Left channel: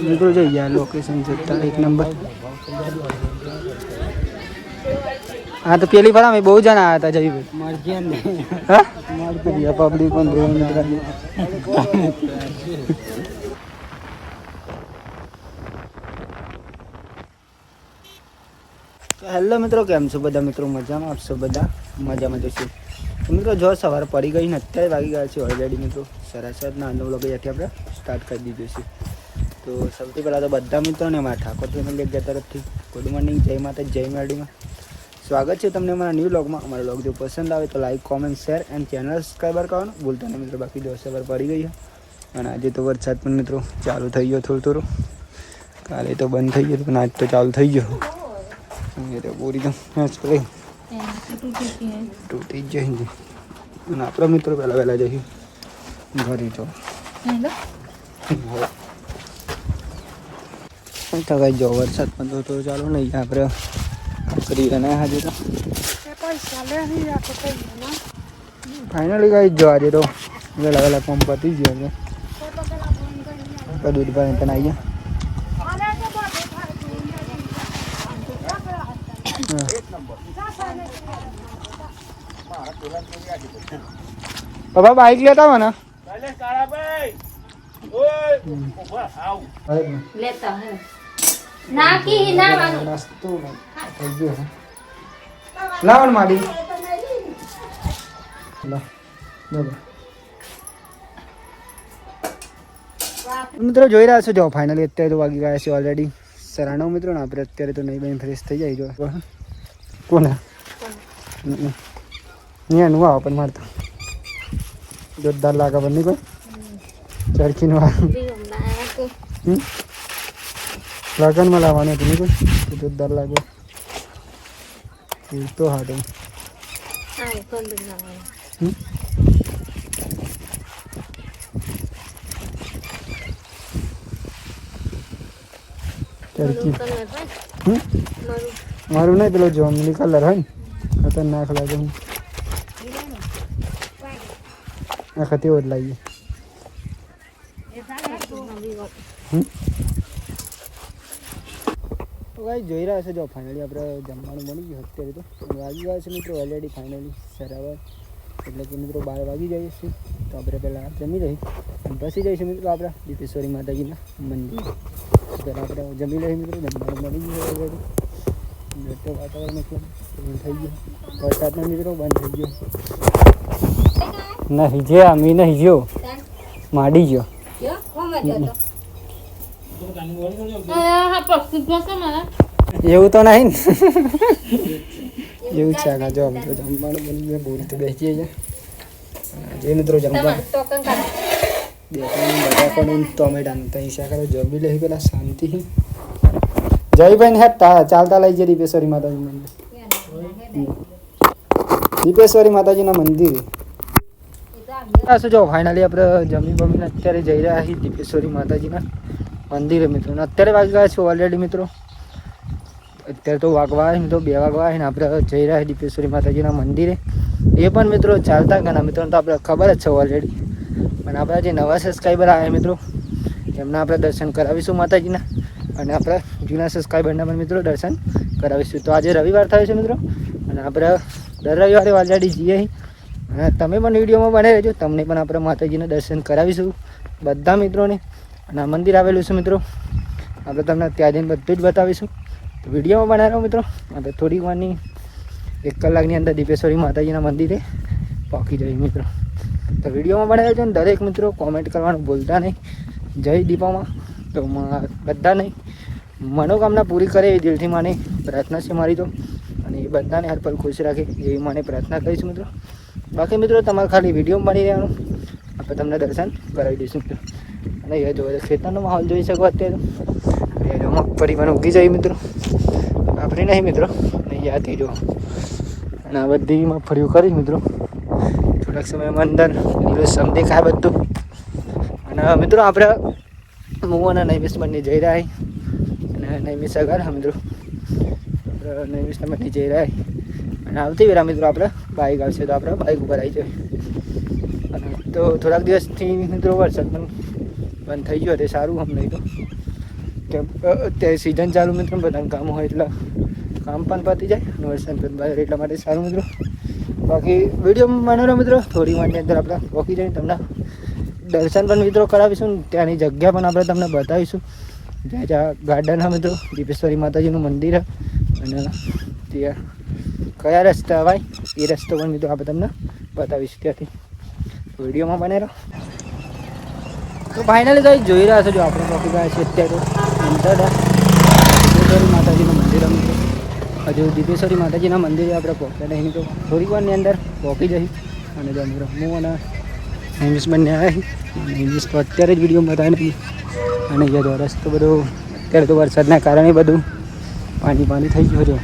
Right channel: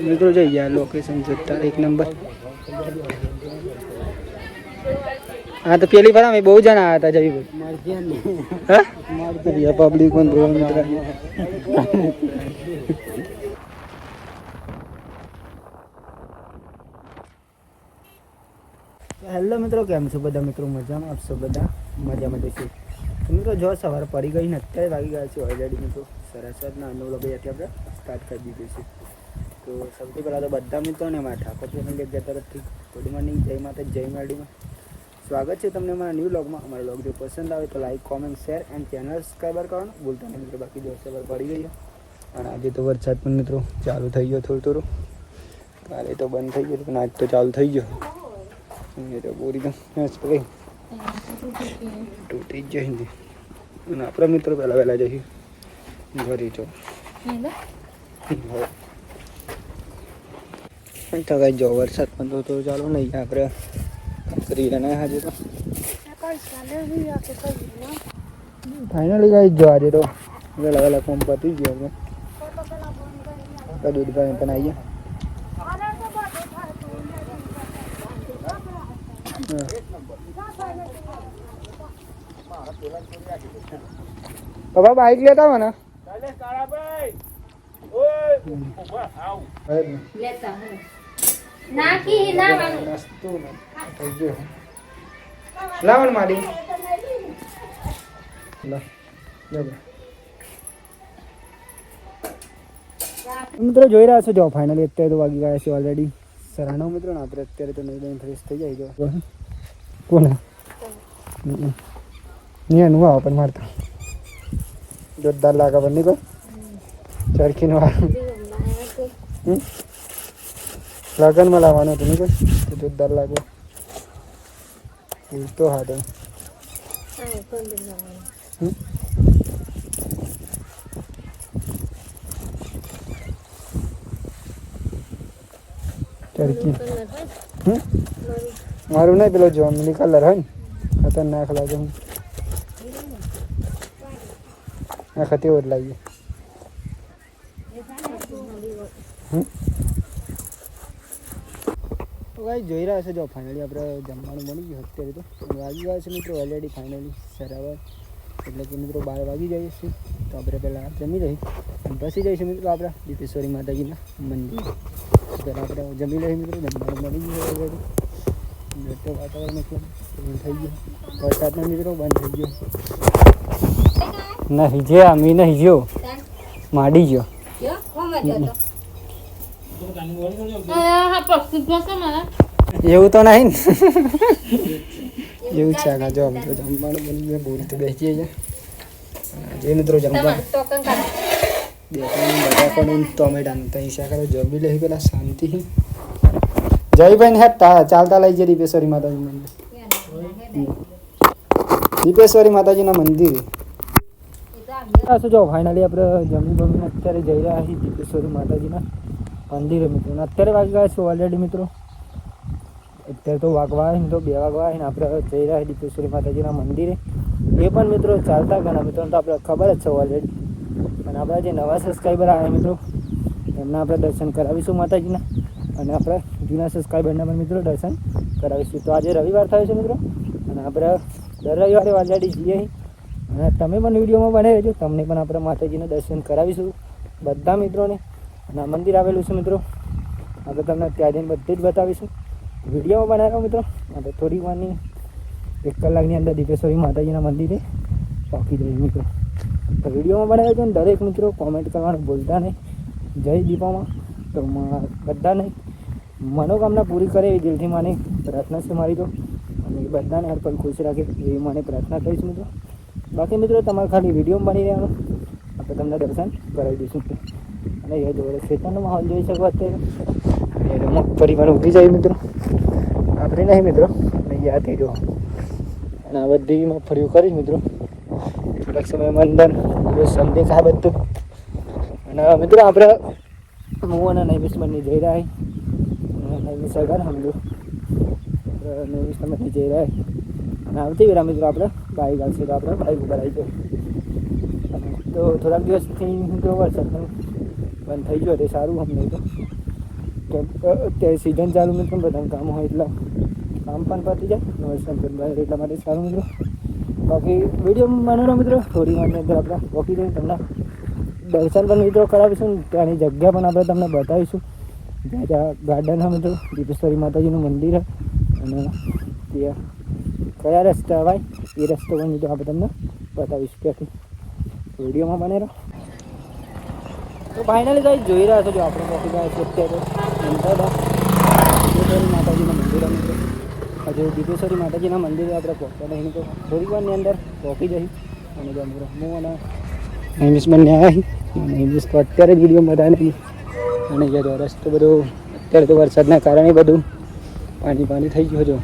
મિત્રો જઈ ગયા લોકેશન જોતા એક નંબર. હા તો પેલી વાર અમે બહુ જણા આવ્યા હતા જયભાઈ. હા પબ્લિક પણ બહુ હેલો મિત્રો, કેમ છો બધા મિત્રો? મજામાં આપશો બધા? મજામાં જશું તો મિત્રો. જો સવારે પડી ગઈ ને અત્યારે વાગી ગયા છે ઓલરેડી મિત્રો 7:30 9 વાગે આપણે સ્ટાર્ટ કરી દીધું છે. તો સૌથી પહેલાં તો બધા મિત્રોને અમારા ઠાકોર ફેમિલી તરફથી ગુડ મોર્નિંગ, જય માતા, જય મેરડીમાં સ્વાગત છે તમને અમારા ન્યૂ વ્લોગમાં. અમારો વ્લોગ જો પસંદ આવે તો like, comment, share and channel subscriber કરવાનું ભૂલતા નહીં મિત્રો. બાકી જો સવાર પડી ગઈ અને આજે તો વરસાદ પણ મિત્રો ચાલુ થઈ ગયો થોડું થોડું. કાલે તો બંધ થઈ ગયો પણ આજ તો ચાલુ થઈ ગયો. તો પૂરી તો તૂટી જ જઈ અને આપણા મિત્રો પહેલાં વહેલા જઈએ ઘરે. જો તો કઈ જો વરસાદ પણ તો થોડો ચાલુ નહીં આપણે કરી રહ્યા આજે તો ફાઇનલી કઈ જો આજે તો વહેલા વહેલા કોમ પતી ગયો છે. દૂધ પાણી પણ આવી ગયા. બાબા બાઈક લેતા હો ને લાવણ માડી મિત્રો જોઈ રહ્યા છો. જો ફાઇનલી અત્યારે તો વાગી ગયા છે ઓલરેડી 9:30 મિત્રો. ને આપણે અત્યારે તો નહીં બની ફ્રેશ થઈ જાય. જો કોને નું આવો પણ મારતા જોરદાર લાગે પણ નહીં કોઈ ચરખીનું લગનમાં લાવવાનું હતું નહીં કોઈ તો જોરદાર લાગે તો. હા તો ચરખી મારું નહીં પેલો જોમલી કલર હોય ને ખતરનાક લાગે. હું આખા તેવો જ લાવીએ. તો કાંઈ જોઈ રહ્યા છે. જો ફાઇનલી આપણે જમવાનું બની ગયું અત્યારે તો વાગી ગયા છે મિત્રો ઓલરેડી ફાઇનલી સરાવર એટલે કે મિત્રો 12 વાગી જઈએ છીએ. તો આપણે પહેલાં જમી લઈએ અને પછી જઈશું મિત્રો આપણા દીપેશ્વરી માતાજીના મંદિર. પહેલાં આપણે જમી લઈએ મિત્રો. જમવાનું બની ગયું ઓલરેડી. તો વાતાવરણ એટલું થઈ ગયું વરસાદના મિત્રો બંધ થઈ ગયો નહીં. જે અમી નહીં જો માડી ગયો એવું તો નહીં ને એવું છે. આગળ જો મિત્રો જમવાનું બની ગયું બોલ તો બેસી જાય જે મિત્રો જમવા બટાકાનું ટોમેટાનું તો હિસા કરો જમી લઈ પેલા શાંતિ. જયભાઈ ને ચાલતા લઈ જઈએ દીપેશ્વરી માતાજી મંદિર. દીપેશ્વરી માતાજીના મંદિર. જો ફાઇનલી આપણે જમી બમીને અત્યારે જઈ રહ્યા છીએ દીપેશ્વરી માતાજીના મંદિરે મિત્રો. અત્યારે વાગી ગયા છે ઓલરેડી મિત્રો. અત્યારે તો વાગવા મિત્રો 2 વાગવા ને આપણે જઈ રહ્યા દીપેશ્વરી માતાજીના મંદિરે. એ પણ મિત્રો ચાલતા ઘણા મિત્રો તો આપણે ખબર જ છે ઓલરેડી. અને આપણા જે નવા સબસ્ક્રાઈબર આવ્યા મિત્રો એમના આપણે દર્શન કરાવીશું માતાજીના. અને આપણા જૂના સબસ્ક્રાઈબરના પણ મિત્રો દર્શન કરાવીશું. તો આજે રવિવાર થયો છે મિત્રો અને આપણે દર રવિવારે ઓલરેડી જઈએ. અને તમે પણ વિડીયોમાં બનાવી રહેજો. તમને પણ આપણે માતાજીના દર્શન કરાવીશું બધા મિત્રોને. અને આ મંદિર આવેલું છે મિત્રો. આપણે તમને ત્યાં જઈને બધું જ બતાવીશું. તો વિડીયોમાં બનાવી રહો મિત્રો. આપણે થોડી વારની 1 કલાકની અંદર દીપેશ્વરી માતાજીના મંદિરે પહોંચી જઈએ મિત્રો. તો વિડીયોમાં બનાવી રહેજો ને દરેક મિત્રો કોમેન્ટ કરવાનું ભૂલતા નહીં. જય દીપામાં તો બધા નહીં મનોકામના પૂરી કરે એવી દિલથી માની પ્રાર્થના છે મારી તો. અને એ બધાને હર પલ ખુશ રાખે એવી મને પ્રાર્થના કરીશ મિત્રો. બાકી મિત્રો તમારે ખાલી વિડીયો બની રહેવાનું આપણે તમને દર્શન કરાવી દઈશું. અને એ જો ખેતરનો માહોલ જોઈ શકો અત્યારે મગફળી પણ ઉગી જાય મિત્રો. આપણે નહીં મિત્રો નહીં યાદથી જો. અને આ બધી મગફળીઓ કરી મિત્રો થોડાક સમયમાં અંદર દિવસ દેખાય બધું. અને મિત્રો આપણે હું અને નૈમિષ બંને જઈ રહ્યા અને નૈમિષ આગળ મિત્રો નૈમિષ બંને જઈ રહ્યા અને આવતી વેરા મિત્રો આપણે બાઇક આવશે તો આપણે બાઇક ઉપર આવી જાય. અને તો થોડાક દિવસથી મિત્રો વરસાદ પણ બંધ થઈ ગયો તે સારું આમ નહીં તો અત્યારે સિઝન ચાલુ મિત્રો બધાને કામ હોય એટલે કામ પણ પતી જાય અને વરસાદ પણ બહાર એટલા માટે સારું મિત્રો. બાકી વિડીયો બનાવો મિત્રો, થોડી વારની અંદર આપણે પહોંચી જઈને તમને દર્શન પણ મિત્રો કરાવીશું, ત્યાંની જગ્યા પણ આપણે તમને બતાવીશું. ત્યાં ગાર્ડન હા મિત્રો, દીપેશ્વરી માતાજીનું મંદિર અને ત્યાં કયા રસ્તા અવાય એ રસ્તો પણ મિત્રો આપણે તમને બતાવીશું. ત્યાંથી વિડીયોમાં બને રહો. તો ફાઇનલી કંઈ જોઈ રહ્યા છો, જો આપણે પહોંચી ગયા છીએ અત્યારે દીપેશ્વરી માતાજીનું મંદિર મિત્રો. હજુ દીપેશ્વરી માતાજીના મંદિરે આપણે પહોંચ્યા નહીં તો થોડીક વારની અંદર પહોંચી જઈ. અને જો મિત્રો હું અને ઇંગ્લિશ બંને આવ્યા અને ઇંગ્લિશ તો અત્યારે જ વિડીયો બતાવે નહીં. અને જે રસ્તો બધો અત્યારે તો વરસાદના કારણે બધું પાણી થઈ ગયું જો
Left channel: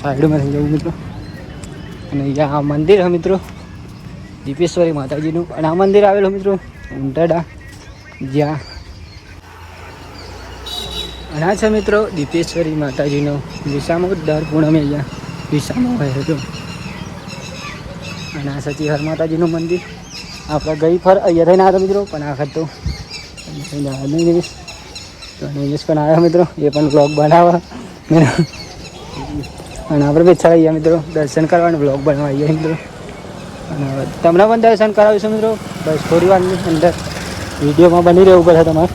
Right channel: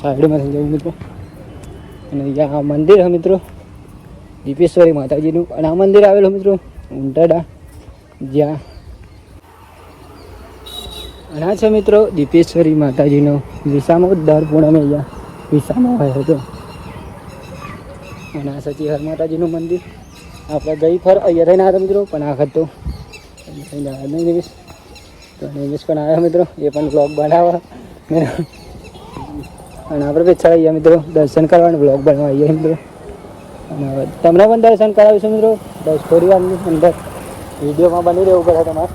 સાઈડમાં થઈ જવું મિત્રો. અને અહીંયા આ મંદિર છે મિત્રો દીપેશ્વરી માતાજીનું. અને આ મંદિર આવેલું મિત્રો ઉંટાડા જ્યાં. અને આ છે મિત્રો દીપેશ્વરી માતાજીનો વિસામો દર પૂનમે અહીંયા વિસામો હોય હતો. અને આ સચીહર માતાજીનું મંદિર આપણે ગઈ ફર અહીંયા થઈને આવ્યા મિત્રો, પણ આ વખત તો થઈને આવ્યા નહીં જઈશ તો નિમેશ પણ આવ્યા મિત્રો, એ પણ બ્લોગ બનાવવા. અને આપણે બી અહીંયા મિત્રો દર્શન કરવાના બ્લોગ બનાવવા આવીએ મિત્રો. અને તમને પણ દર્શન કરાવીશું મિત્રો, બસ થોડી વારની અંદર વિડીયોમાં બની રહેવું પડે તમારે.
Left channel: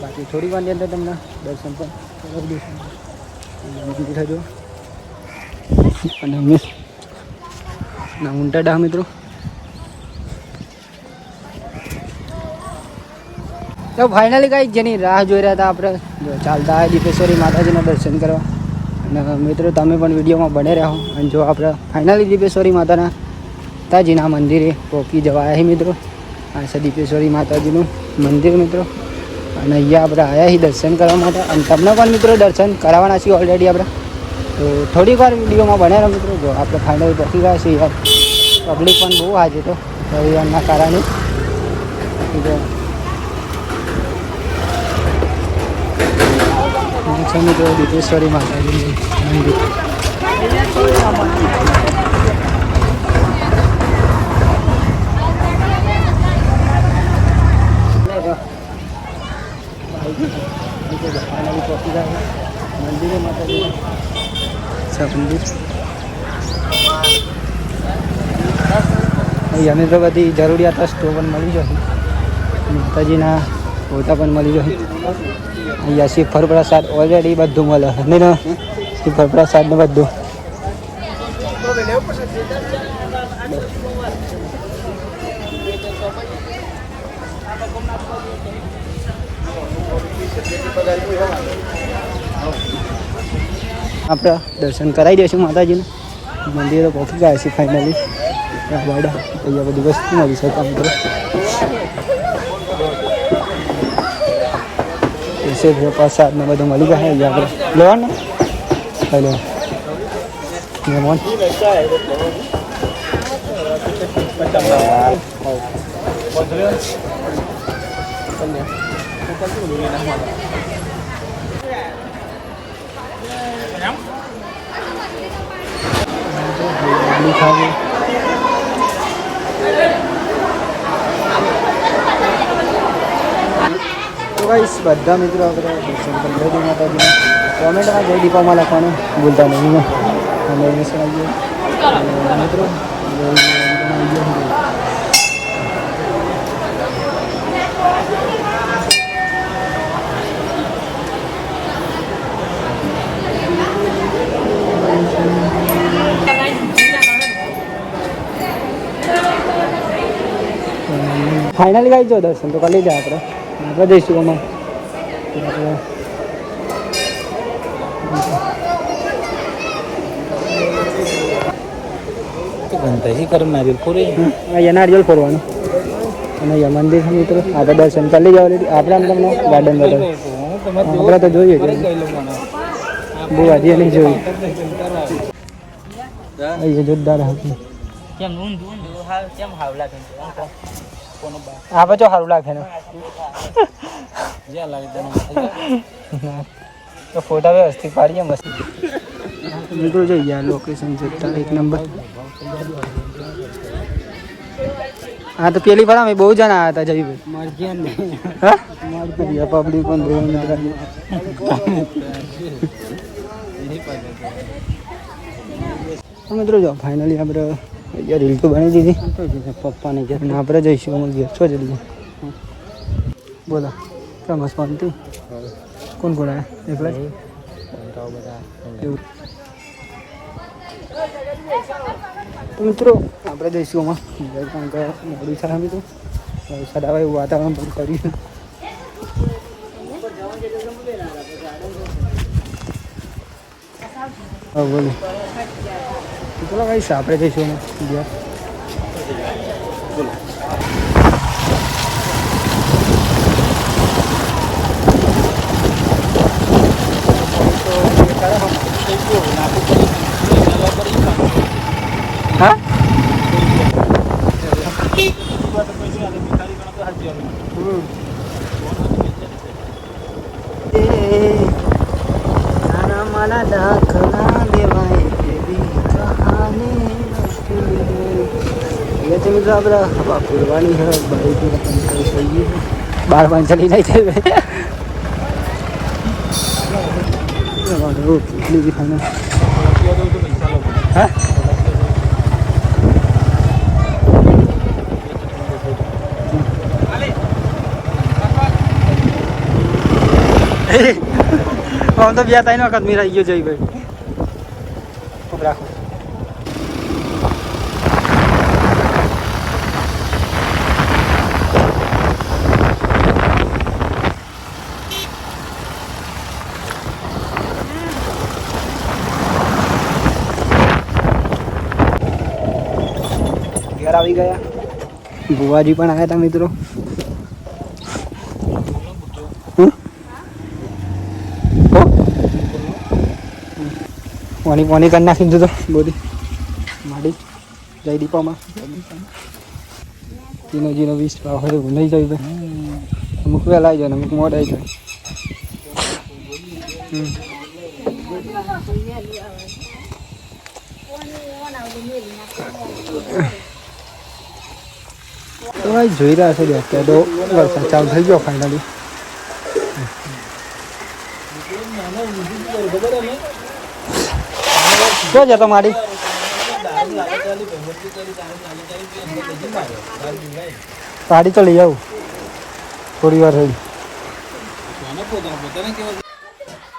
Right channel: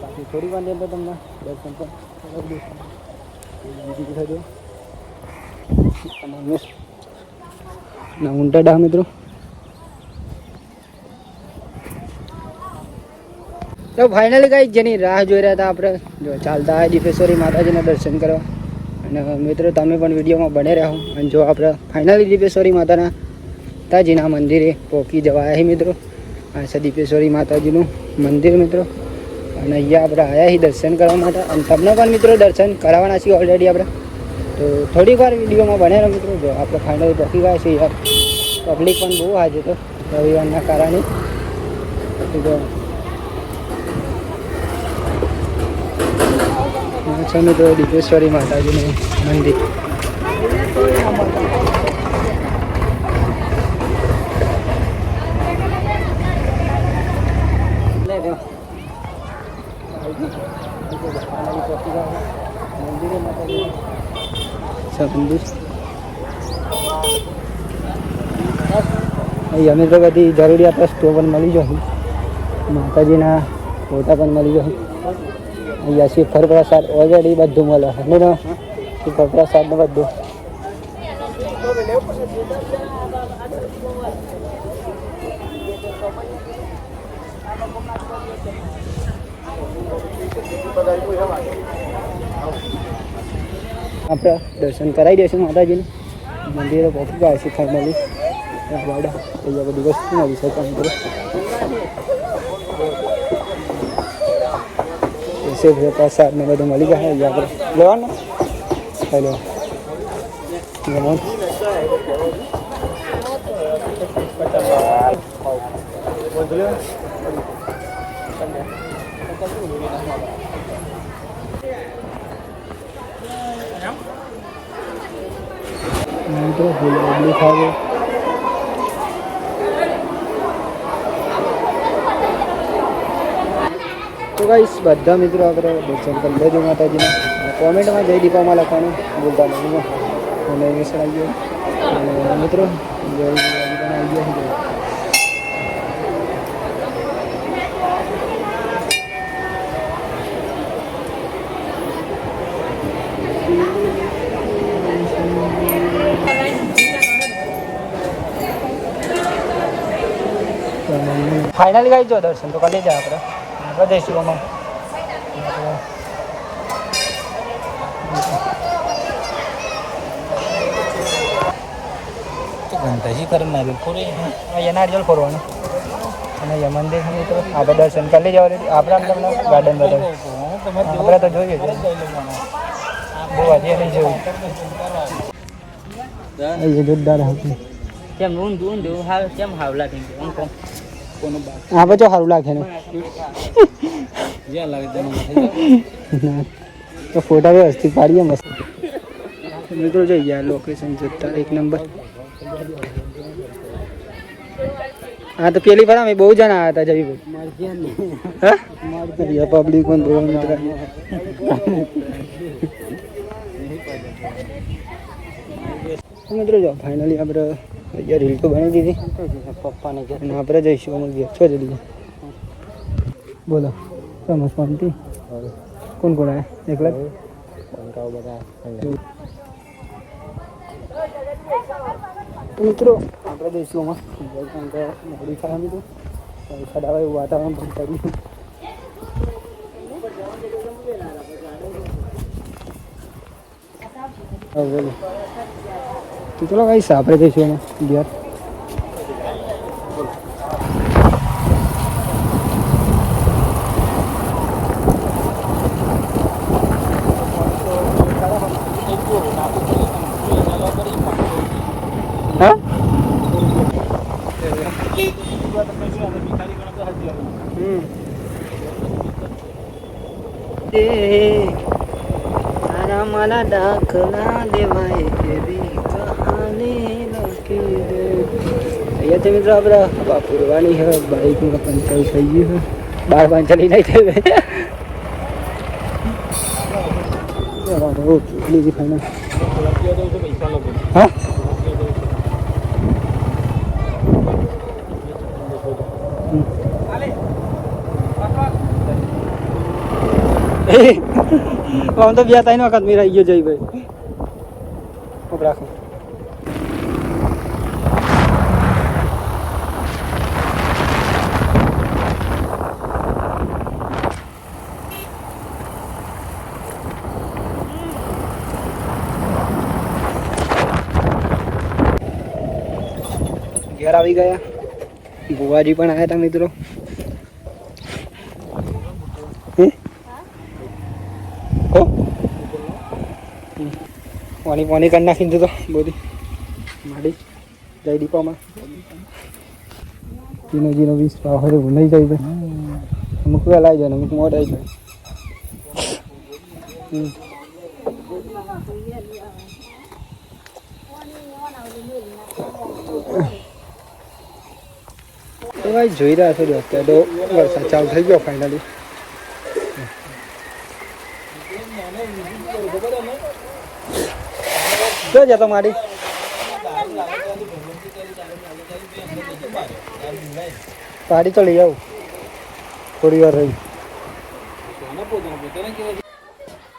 બાકી થોડી વારની અંદર તમને દર્શન પણ કરાવી દઈશું. અને ના ઉંટાડા મિત્રો. તો ફાઇનલી કાંઈ જેની રાહ જોઈ રહ્યા હતા આપણે જો ચાલતા આવે દીપેશ્વરી માતાજીના દર્શન કરવા. અને મિત્રો તમે પણ વિડીયોમાં બને રહો. અને જો આપણે ફાઇનલી દીપેશ્વરી માતાજીના મંદિરે પહોંચી જવા આવ્યા મિત્રો. આ છે દીપેશ્વરી માતાજીનું મંદિર મિત્રો. અને અહીંયા આપણે આવ્યા છીએ દર્શન કરવા માટે. અને તમને પણ મિત્રો દર્શન કરાવવાના છીએ ઓલરેડી આપણે. તો થોડીક વાર વિડીયોમાં બને રહો મિત્રો. જો આપણે ફાઇનલી પહોંચી ગયા છીએ યાર. પબ્લિક પણ બહુ આજે તો રવિવારના કારણે. જો છે મિત્રો દીપેશ્વરી માતાજીનું મંદિર. મંદિરે માતાજી મંદિર અહીંયા મિત્રો બધી જરૂરિયાત વસ્તુઓ પણ મળી જશે. માતાજીના ફોટા પણ મળી જશે. અહીંયા શ્રીફળ પ્રસાદ ઓલરેડી બધું મળે નહીં ને, શ્રીફળ પ્રસાદ ને બધું. આપણે દર્શન કરાવી દઈશું માતાજીને. મંદિરે પહોંચી ગયા છીએ ફાઇનલી. અહીંયા બધી વસ્તુ મળી શકે મિત્રો. પ્રસાદ ને બધું મળી જાય અહીંયા આપણે લેવાનું. હેલો મેમોન ખાવે. તો ગાઈસ બધા મિત્રો આપણે દર્શન કરી લેજો માતાજીના. કોમેન્ટમાં જય દીપામાં લખવાનું ભૂલતા નહીં. અને ઇંગ્લિશ આવી ગયો અને મિત્રો જય દીપામાં આવી ગયા. ફાઇનલી ગાઈ જો દર્શન તો કરી લીધા આપણે જઈશું અમે. અહીંયા નારિયેલ ફરવાનું અને અહીંયા મંદિર મિત્રો આપણે દર્શન કરી લીધા ઓલરેડી. આપણે આમ તમને ગાર્ડન બધા આપણે તો જોઈએ બહુ આજે નહીં જોયું. જોરદાર હતું. હા પછી સારું લાગે ને ફોટા વ્યવસ્થિત પાડીએ મસ્ત મિત્રો. જઈ ગયા લોકેશન જોતા એક નંબર. હા તો પેલી ફરા મેં બહુ જણા આવ્યા હતા જયભાઈ હા પબ્લિક પણ બહુ મિત્ર મિત્રો જો ફાઇનલી આપણે અહીંયા રીલ તો બની દીધી પપ્પાને અને આપણે જઈશું અમે ઘેર છો જલ્દી બોલો તમે શાંતિ કોણ કોણ આવ્યા એકલા તો મિત્રો આપણે જઈશું અમે મોડું છે મિત્રો વરસાદ આવે એવું વાતાવરણ પણ કર્યું હા બોલો ચલો ભાઈ આપણે જઈશું અમે ઘેર હા તારા મારા દાખલા દેવાય તેવી કહાની લખી દે અહીંયા છે મિત્રો આપણે પૂરવાની છે બાઈકમાં પણ કઈ થઈ ગઈ છે 12 ચલી નહીં કરે હા આમ તો 2-3 વખત મેં રહી ગયો જઈ ભાઈ રાખો ઘેર આવી ગયા ભુવાજી પણ આવ્યા હતા મિત્રો પાણી પાણી કરી નાખી દીધું તો બોડી માડી જઈ દીપામાં જીનો 20 ભાવ હોય એવું નહીં જાય ભાઈ અમુક વહેલા આવી જાય અમુક મોડ આવી જાય તો ભાઈ જોઈ રહ્યા છો અત્યારે તો વરસાદ ચાલુ થઈ ગયો ફાઇનલી ક્યાં જતો મારી ગાડી તો લઈ આવું થોડી વાર થઈ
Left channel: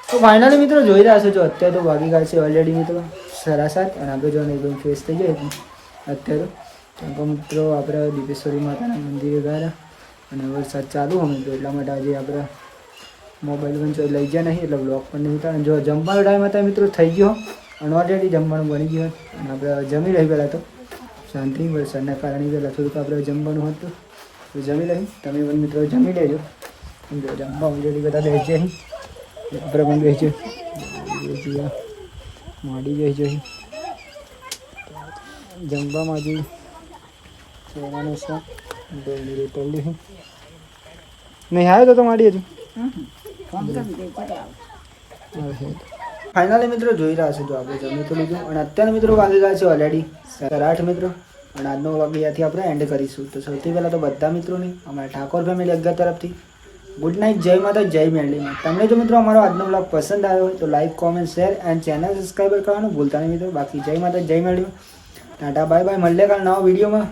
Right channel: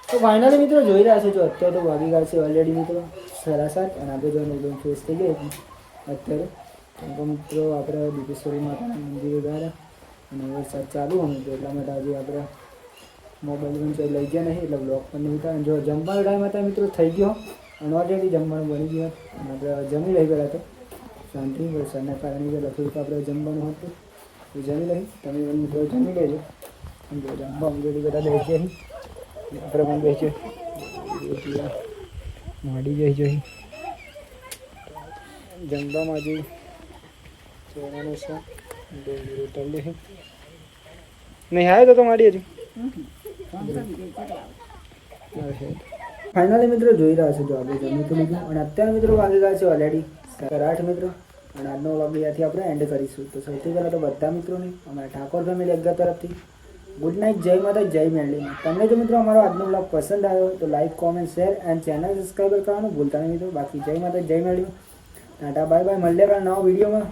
તો ફાઇનલી મિત્રો જોઈ રહ્યા છો જો અત્યારે તો વાગી ગયા છે ઓલરેડી મિત્રો 7:30 અને આપણે જો એકદમ ફ્રેશ થઈ જાય અત્યારે તો મિત્રો આપણે દીપેશ્વરી માતાના મંદિરે ગયા અને વરસાદ ચાલુ હોય મિત્રો એટલા માટે આજે આપણે મોબાઈલ પણ લઈ ગયા નહીં એટલે બ્લોગ પણ નહીં થાય જો જમવાનો ટાઈમ હતા મિત્રો થઈ ગયો અને ઓલરેડી જમવાનું બની ગયું અને આપણે જમી રહી પહેલાં તો શાંતિ વરસાદના કારણે પહેલાં થોડુંક આપણે જમવાનું હતું તો જમી લઈ તમે પણ મિત્રો જમી લેજો સમજો જમવા ઓલરેડી બધા બેસી જાય આપણે પણ બેસી માડી જઈ જઈ જમવામાં હજુ ચોરાનું છે ડોંગળી રોટલ નહીં આવ્યો તો માડી હજુ ફાઇનલી મિત્રો જોઈ રહ્યા છો જો આપણે જમી તો લીધું અને અત્યારે મિત્રો વાગી ગયા છે ઓલરેડી 8:30 મિત્રો અને આજનો વ્લોગ અહીંયાથી આપણે એન્ડ કરીશું તો સૌથી પહેલાં તો બધા મિત્રોની અમારા ઠાકોર ફેમિલી અગ્ગા તરફથી ગુડ નાઇટ જય માતા જય મેરડીમાં તમને જો મિત્રો અમારો આજનો વ્લોગ પસંદ આવ્યો હોય તો like comment share and channel subscriber કરવાનું ભૂલતા નહીં મિત્રો બાકી જય માતા જય મેરડીમાં ટાટા બાય બાય મળીએ કાલ નવા વિડીયોમાં